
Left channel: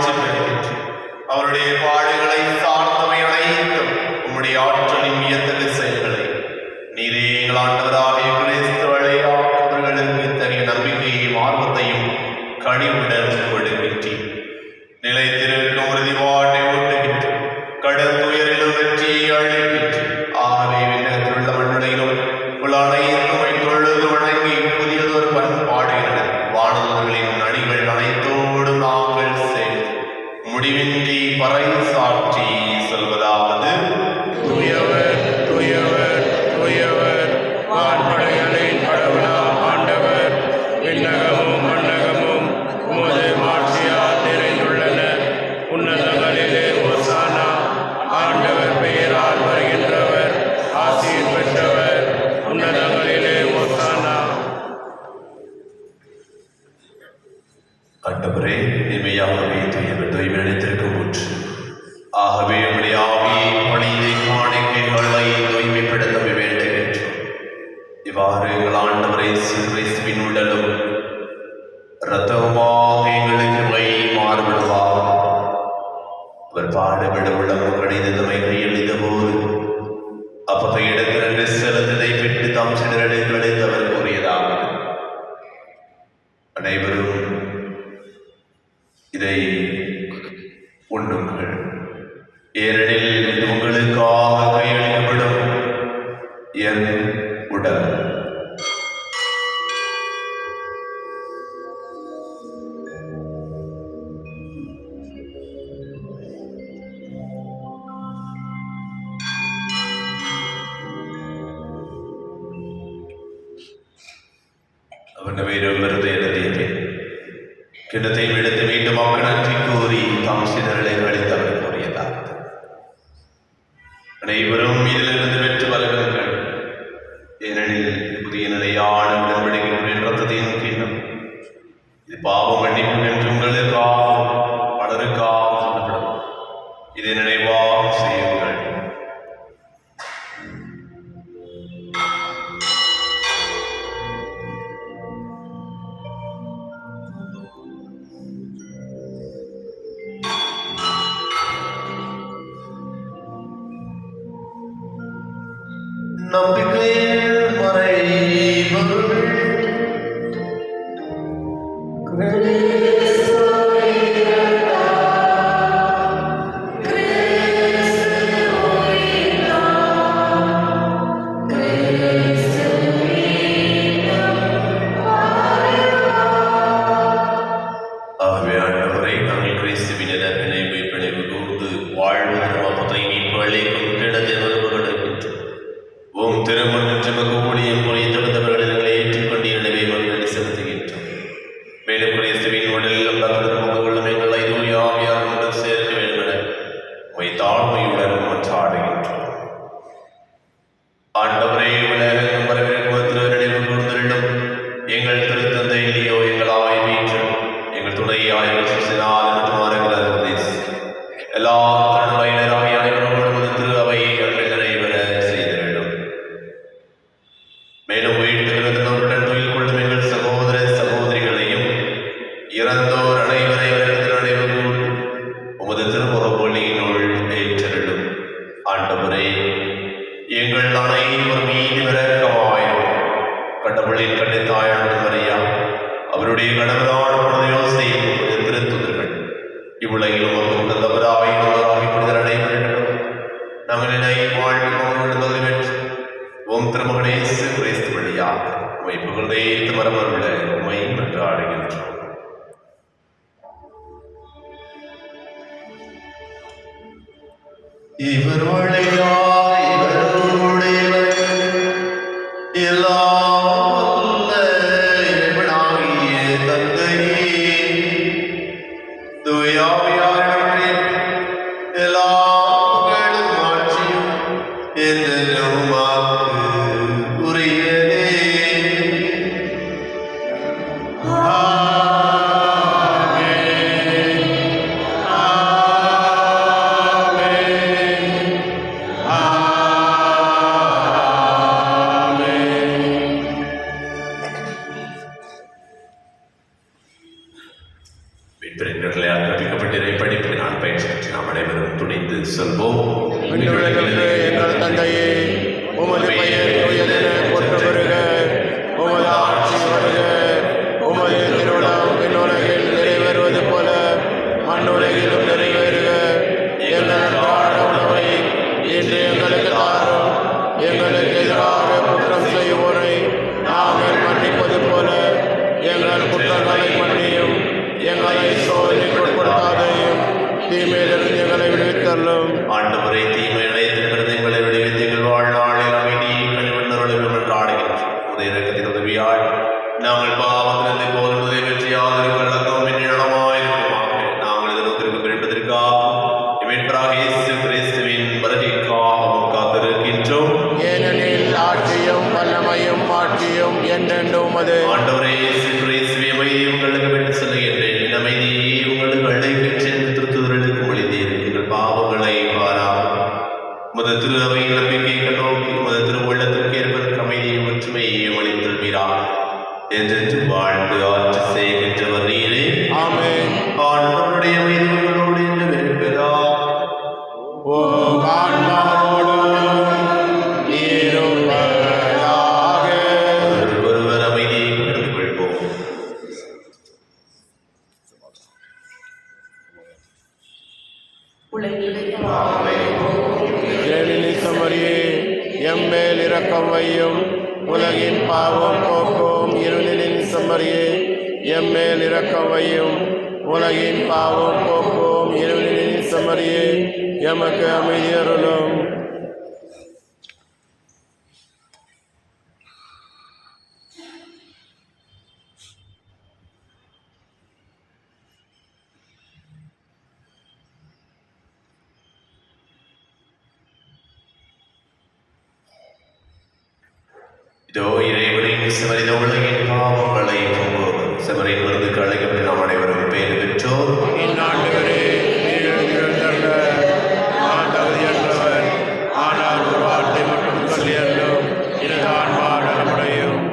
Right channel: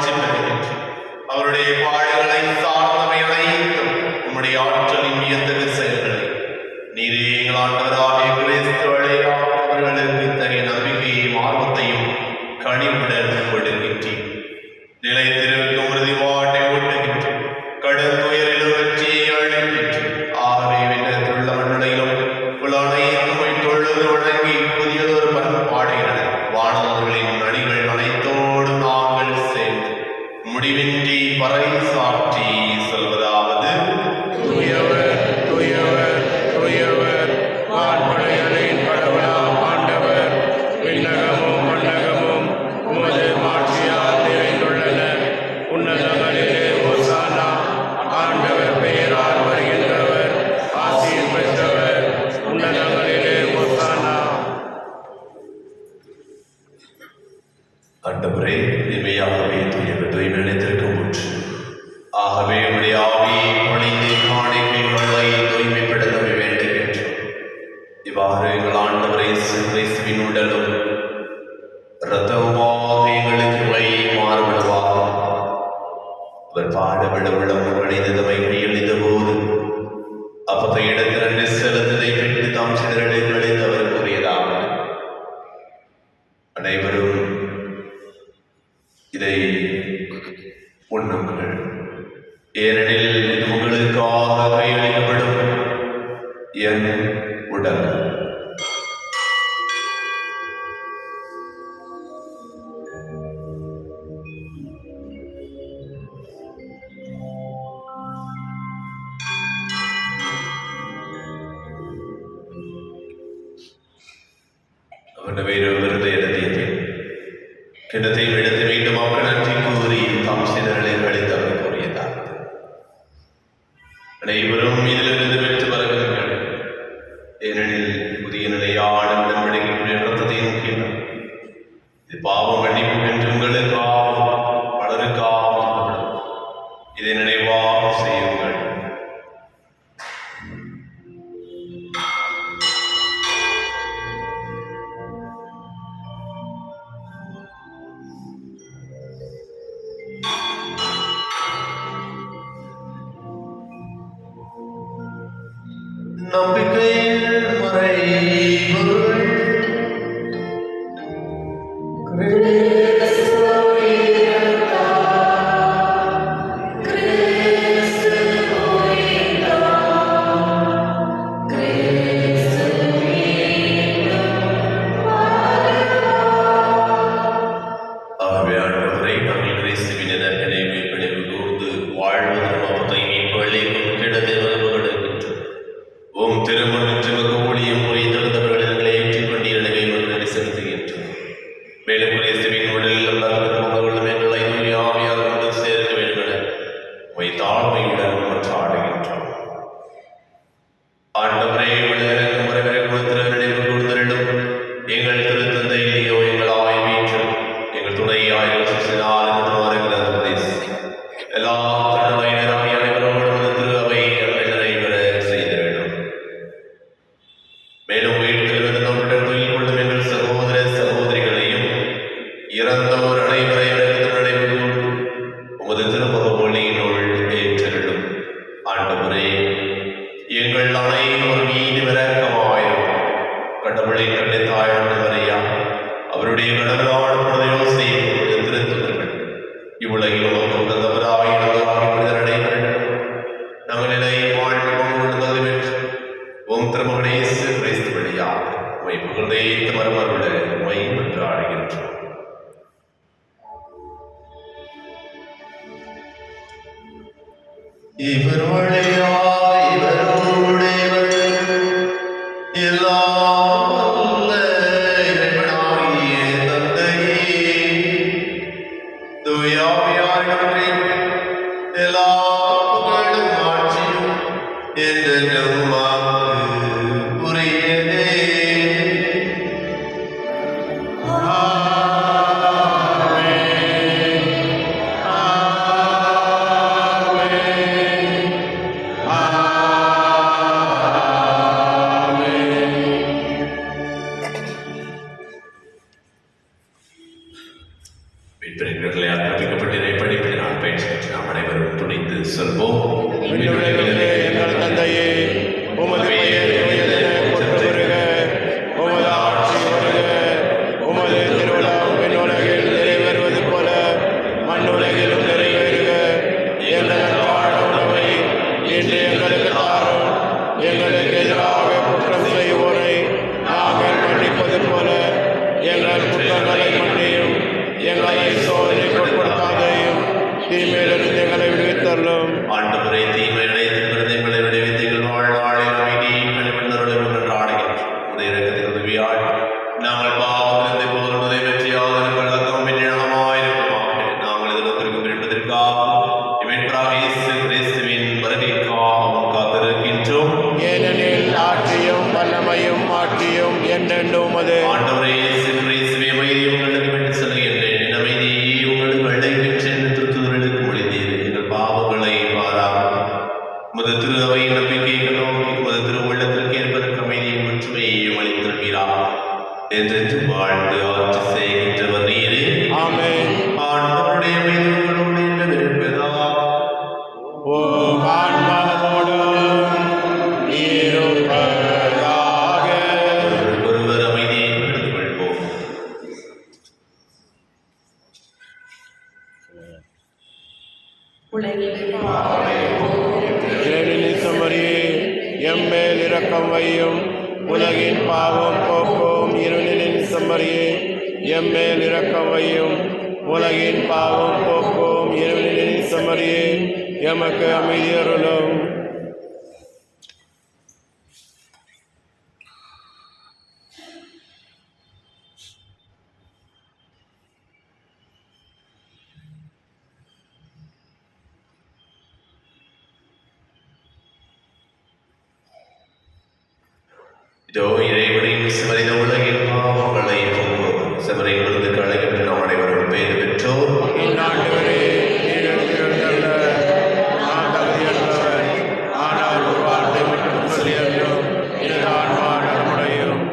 மாட்சி பெறுகின்ற அவருடைய பாடுகளை சார்ந்தவை அனைத்தும் உம்முடைய ஆற்றலின் வியத்தகு செயல்களை நீரே எங்கள் ஆண்டவராகிய கிறிஸ்து வழியாக அவர்களுக்கு இத்தகைய நம்பிக்கையையும் ஆர்வத்தையும் கனிவுடன் கொடுக்கின்றீர். நிலைத்திருக்கும் உறுதிப்பாட்டை ஊட்டுகின்ற கடும் துயரிலும் வெற்றியை அளிக்கின்ற ஆகவே விண்ணகத்திலுள்ளவர்களிலும் உள்ள அனைத்துமை தொழுது வணங்கி புதியதொரு பண்பாடுகிறது வானவர்களின் நடிகள் அனைத்தோடு நாங்கள் சேர்ந்து முடிவின்றி பறை சாற்றி சொல்வதாவது தூயவர் தூயவர் தூயவர் வான்படைகளின் கடவுளாம் ஆண்டவர் விண்ணகமும் மண்ணகமும் உமது மாட்சியால் நிறைந்துள்ளன. உன்னதங்களிலே ஓசானா. ஆண்டவர் பெயரால் வருகின்றவர் ஆசீர் பெற்றவர். உன்னதங்களிலே ஓசானா. ஆண்டவரே இனிமையாகவே தூயவர் தூய்மை நினைத்திருக்கும் ஒன்று ஆகவே உடைய ஆவியை பொழிந்து காணிக்கைகளை தூய்மைப்படுத்த வேண்டுகின்றோம். இவ்வாறு எங்கள் ஆண்டவரே கிறிஸ்துவின் உடலும் இரத்தமாக எங்களுக்கு இவை மாறுபடுவாக. அவர் பாடுபட உள்ளவர்களை தம்மை கையளித்த போது அப்பகை இடத்திலிருந்து செலுத்ததை பெற்று தாம் சிதறல்களை அவர் கூறியதாக அனைவரும் இதை உண்ணுங்கள், ஏனெனில் இது உங்களுக்காக கையளிக்கப்படும் என் உடல். அவன் வேறொருவரது எழுதியது கிணத்தையும் எடுத்து மீண்டும் நன்றி கூறி தாம் சிதறலை கழித்து அவர் கூறியதாவது அனைவரும் இதிலிருந்து வெற்றி வருகிறார்கள், ஏனெனில் புதிய நிலையான உடன்படிக்கையின் இரத்தத்தை நோக்கினார். இது பாவம் மன்னிப்பு என்று உங்களுக்காக பலருக்காக சொல்லப்படும். இதை நினைவாக செய்யுங்கள். நம்பிக்கையின் மறைகள் ஆகவே ஆண்டவரை நாங்கள் கிறிஸ்துவின் எதிர்ப்பினை மீட்படைவு கூர்ந்து வாழ்வதற்காக மீட்பளிக்கும் கிடத்தை வருவடைகின்றோம். உம் திருமணம் ஊழியம் போய் தகுந்தவர்களை ஏற்றுக்கொண்டு எனவே நோக்கி செலுத்துகின்றோம். மேலும் கிறிஸ்துவின் உடலில் மகர்களும் எங்களை ஆவியார் கொண்டு சேர்க்க வேண்டும் என தாழ்மையுடன் மன்றாடுகின்றோம். ஆண்டவரே உலகம் வரவிருக்கும் நினைவு கூர்ந்திருடும் எங்கள் திருத்தந்தை இல்லையோ எங்கள் ஆய்வீற்றும் எங்கள் துணையாய் எல்லா தன்மையினராய் அனைவரோடும் திரு அவை நிறைவேற செய்த வேண்டும். மேலும் உயிர்த்தெழுவது நம்முடன் துயில் கொள்ளும் எங்கள் சகோதர சகோதரிகளையும் இறந்தோர் அனைவரையும் நினைவு உமது திருமுக ஒளியினுள் ஏற்றெழும். ஆண்டவரே எங்கள் அனைவர் மீது இரக்கமாயிரும். கடவுளின் கண்ணை தாழான மரியா அவருடைய கடவுளான திருத்துதர்கள் இவ்வுலகிலும் நாங்கள் என்னை வாழ்க்கை ஓம் திருமகனே கிறிஸ்து வழியாக உமை புகழ்ந்தே மரமருள உமை என்று ஆடுகின்றோம். இவர் வழியாய் இவருடையவர் எல்லாம் வல்ல இறைவனாகிய தந்தையே, தூய ஆவியானவரே, எல்லா புகழும் ஆட்சியும் என்றென்றும் உமக்கு உரியதே. மீட்பரின் கட்டளையால் கற்பிக்கப்பட்ட சொல்வோம். விண்ணுலகிற்கு எங்கள் தந்தையே, உமது பெயர் தூயதென போற்ற பெறுக, உமது ஆட்சி வருக, உமது திருவிழம் விண்ணுலகில் நிறைவேறுவது போல மண்ணுலகிலும் நிறைவேறுக. எங்கள் அன்றாட உணவை இன்று எங்களுக்கு தாரும். எங்களுக்கு எதிராக குற்றம் செய்வோரை நாங்கள் மன்னிப்பது போல எங்கள் குற்றங்களை மன்னியும். எங்களை சோதனைக்கு உட்படுத்தாதையும், தீமையிலிருந்து எங்களை விடுவித்தள்ளும். ஆண்டவரே, தீமை இழைத்திருக்கிறது எங்களை விடுவித்து எங்கள் வாழ்நாளில் அமைதியும் கனிவுள்ளருளும் என்று ஆடுகிறோம். உடைய இரக்கத்தின் உதவியால் நாங்கள் பாவத்திலிருந்து எப்போதும் நிறைவேற்றியால் கலக்கம் பின்னிடமாயிருக்கிறோம். நாங்கள் எதிர்த்திருக்கும் என்பதற்காக இவற்றாக இயேசு கிறிஸ்துவின் வருகைக்காகவும் காத்திருக்கின்றோம். ஏனெனில் ஆட்சியும் வல்லமையும் ஆட்சியும் என்றென்றும் உமது. ஆண்டவரே, இயேசு கிறிஸ்துவே, அமைதியை உங்களுக்கு விட்டு செல்கின்றேன். என் அமைதியை உங்களுக்கு அழைக்கின்றேன் என்று திருத்துதலுக்கு மொழிந்தீர். எங்கள் பாவங்களை பாராமல் உமது திரு அவை நம்பிக்கை நோக்கி உமது திருவுள்ளத்திற்கு ஏற்பதற்கு அமைதியும் ஒற்றுமையையும் அளித்தல்வீராக. என்று வாழ்ந்து ஆட்சி செய்கின்றவர் நீரே. ஆமென். ஆண்டவருடைய அமைதி உங்களோடு இருப்பதா. ஓ ஆன்மாவோடும் இருப்பதாக. ஒருவர் அமைதியை எடுத்துக் கொள்வோம். இறைவனின் சமரியே, எம்மேல் இரக்கம் வையும். உலகின் பாவம் போக்கும் இறைவனின் சமரியே, எம்மேல் இரக்கம் வையும். உலகின் பாவம் போக்கும் இறைவனின் சமரியே, எமக்கு அமைதி அருளும். இதோ இறைவனின் சிவரின் உலகின் பாவங்களை போக்கும் சிவரிலிருந்து களைகின்ற நாம் அனைவரும் பேர் பெற்றோர். இந்நாண்டவரே, நீர் எழுந்திருந்தல்ல, நான் தகுதியற்றவர். ஆனால் ஒரு வார்த்தை மட்டும் சொல்லி அருளும், எனது ஆன்மா நலமடையும்.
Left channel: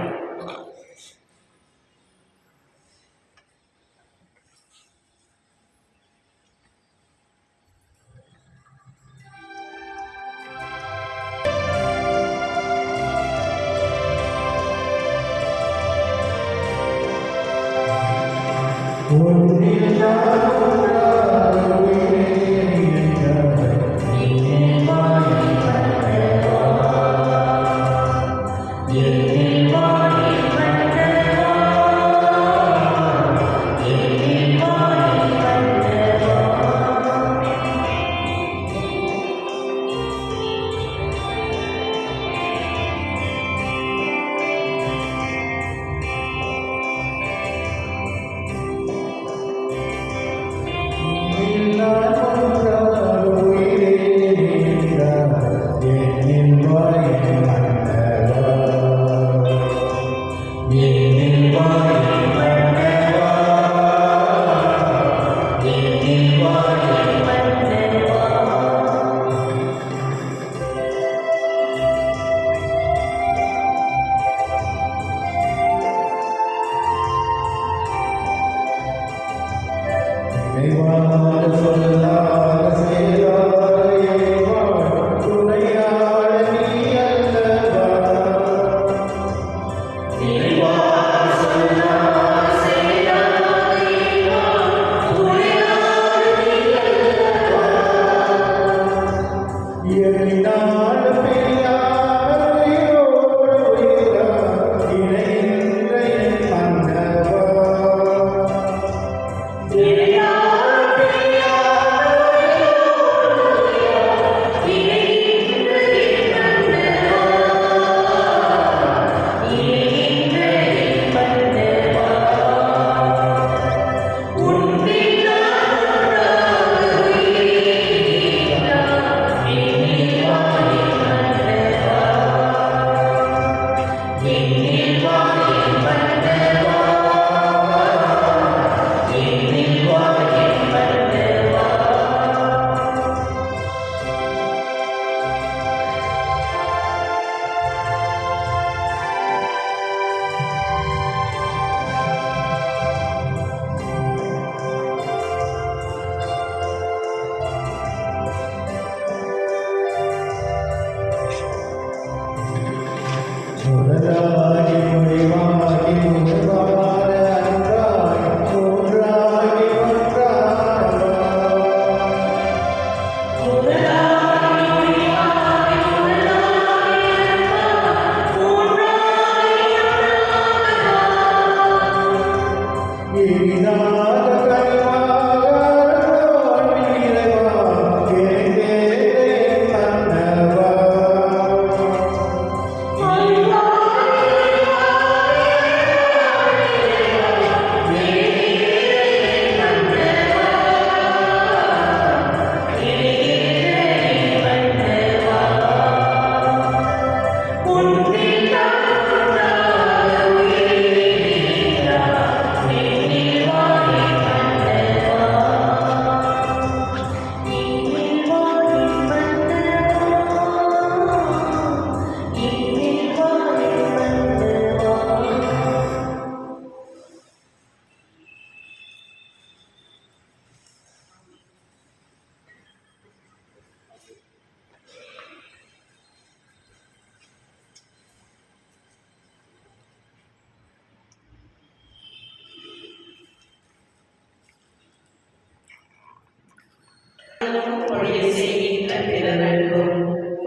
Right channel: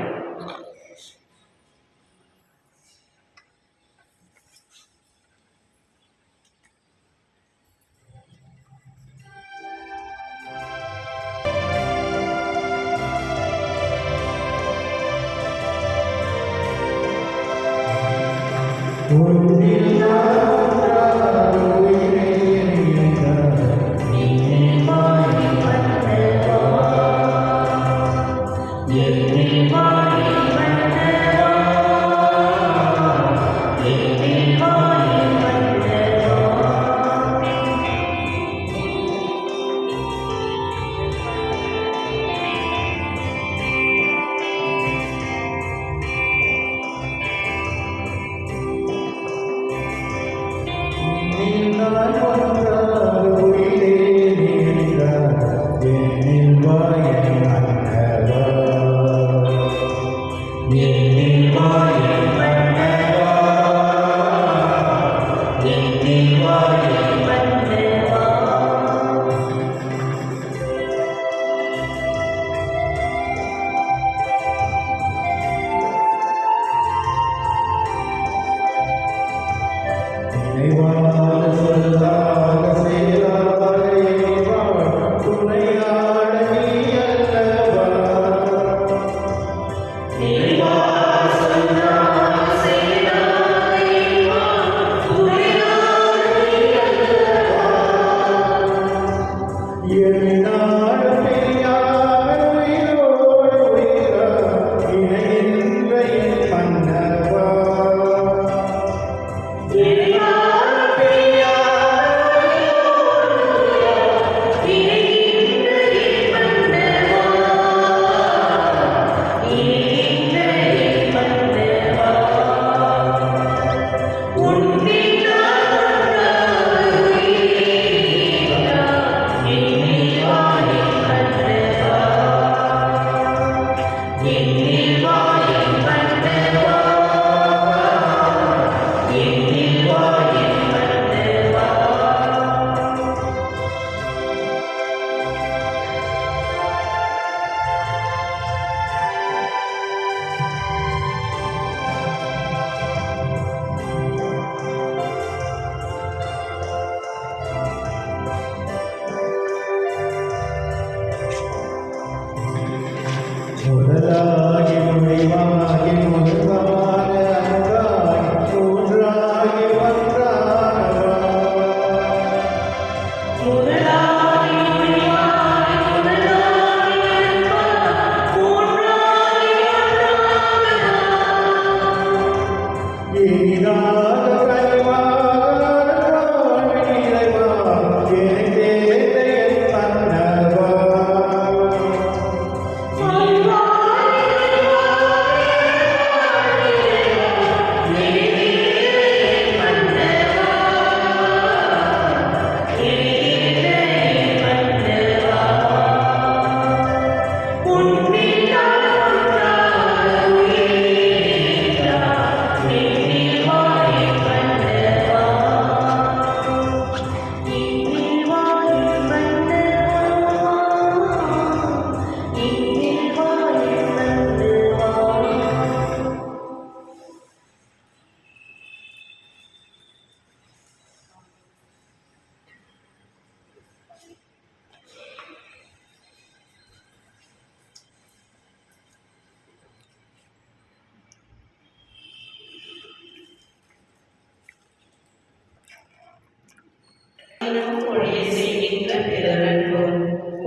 ஒழிய செய்கின்ற பிறருக்கும்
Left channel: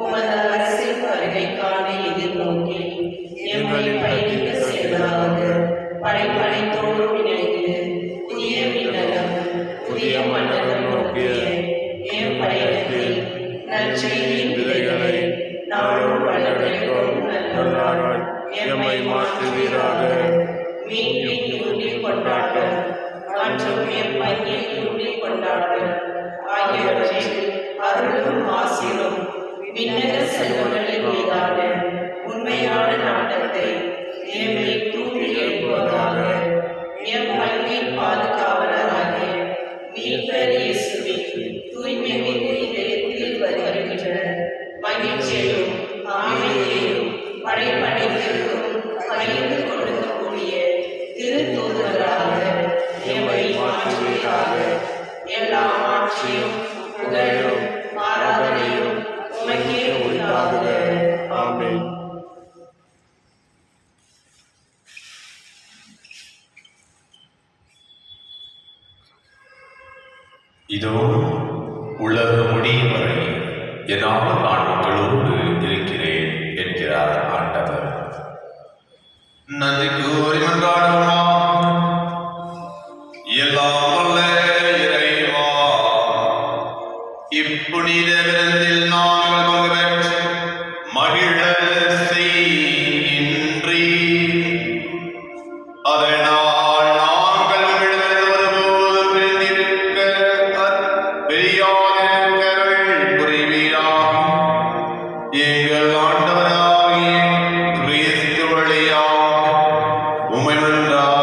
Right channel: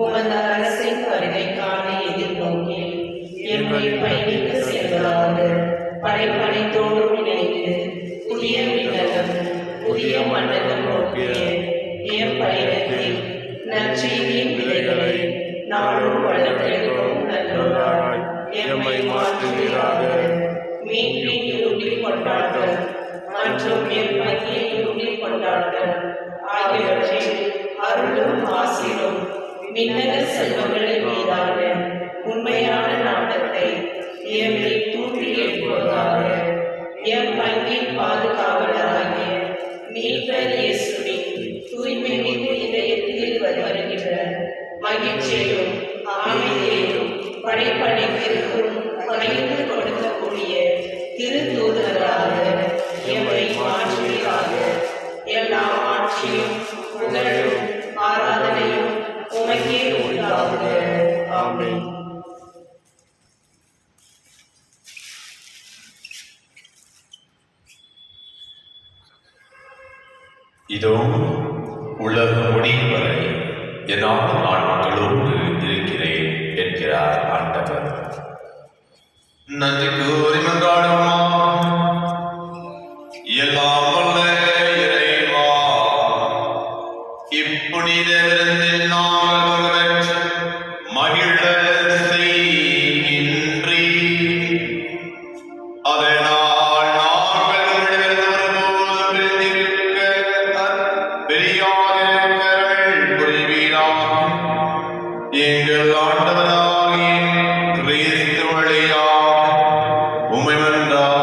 உமது அரசின் வருகைக்கான எதிர்நோக்கி எம்மை பயணிக்க செய்வதாக படைப்பனைத்தோடு இணைந்து புதிய விண்ணகம் புதிய மண்டலம் நோக்கிய எம் பயணத்தில் நற்செய்தியின் விதைகளை நாளும் வளர்த்தெடுக்கும் நல்லாராய் எம்மை மாற்றுவீராக. மீட்பின் யூபிலி கொண்டாட்டம் மற்றும் எம் பங்கின் யூபிலி கொண்டாட்டம் ஆகியவற்றில் அருளும் ஆசிரும் விண்ணக செல்வங்களின் மீதான உண்மையான நாட்டத்தை எம்மை தூண்டி எழுப்புவதாக. எம் பங்கின் பாதுகாவலராகிய மீட்பர் இயேசுவின் தூய்மை மிகு இதயத்தில் வருகின்ற மகிழ்ச்சியையும் அமைதியையும் படைப்படைப்பிற்கும் பகிர்ந்து கொடுக்கக்கூடிய திருத்தூதர்களாக எம்மை மாற்றுவீராக. எல்லா ஆட்சியும் புகழும் ஆராதனையும் உமக்கே உண்டாகுக. ஆமென். இதோ உலக முடியும் வரை என்னால் நான் மக்களோடு இருக்கிறேன் என்கிறார் ஆண்டவர். நன்றி கூறி மன்றாடுவோமா. எல்லாம் வல்ல இறைவா, இப்புனித விருந்தில் நாங்கள் பெற்று மகிழ செய்கின்றீ. அதனால் நாங்கள் உம்மிடமிருந்து வரும்போது பிரிந்திருக்க பெரியார்கள் புரிவீராக. எங்கள் ஆண்டவராகிய கிறிஸ்து வழியாக உம்மை மன்றாடுகின்றோம்.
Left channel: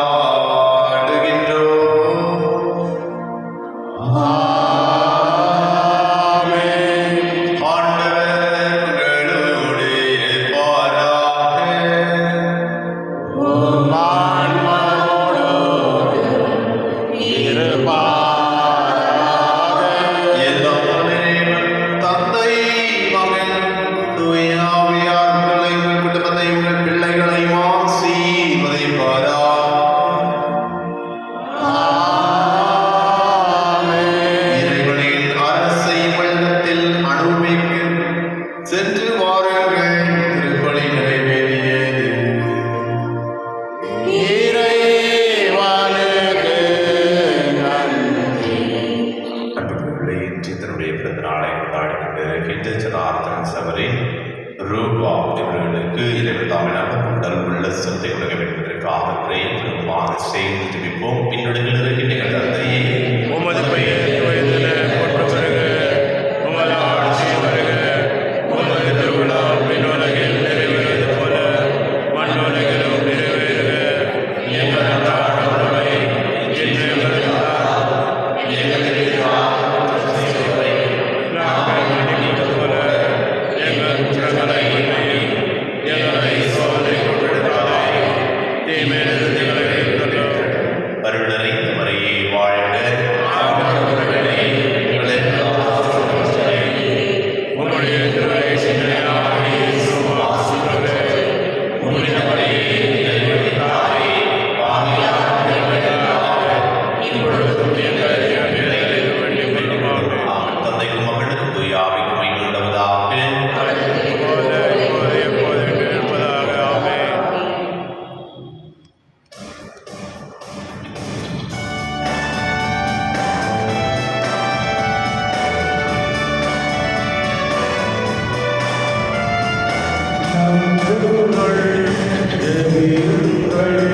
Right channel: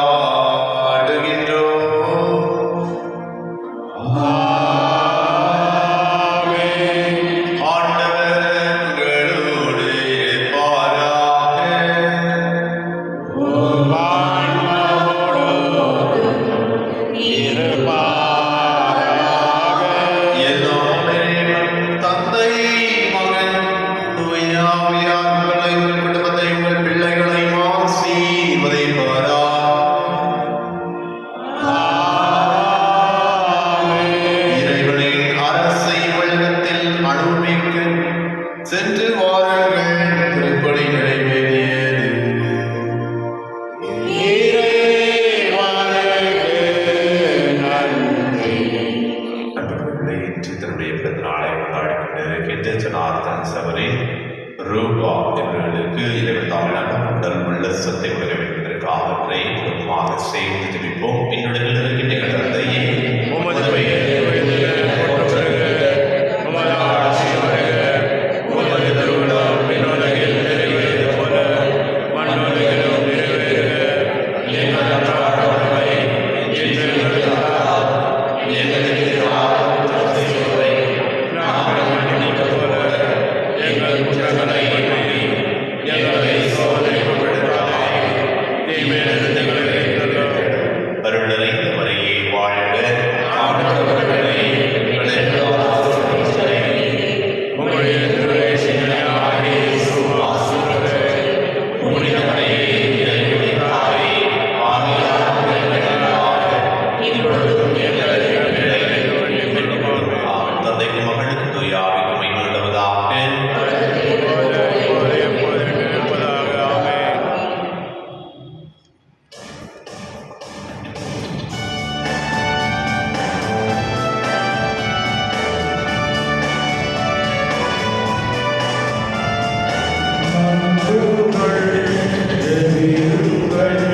உமது பெயர் தூயதென போற்றப் பெறுக. உமது ஆட்சி வருக. உமது திருவுளம் விண்ணுலகில் நிறைவேறுவது போல மண்ணுலகிலும் நிறைவேறுக. எங்கள் அன்றாட உணவை இன்று எங்களுக்கு தாரும். நாங்கள் மன்னிப்பது போல எங்கள் குற்றங்களை மன்னியும். எங்களை சோதனைக்கு உட்படுத்தாதேயும். தீமையிலிருந்து எங்களை விடுவித்தருளும். உம்முடைய திருவயிற்றினையாகிய இயேசுவா ஆண்டவரே, புனித மரியே தாயே, இப்பொழுதும் எங்கள் இறப்பில் வேண்டிக் கொள்ளுமாறு. இப்போது எப்போது இருப்பதாக. ஆமென். நம்புங்கள், ஜெபியுங்கள்.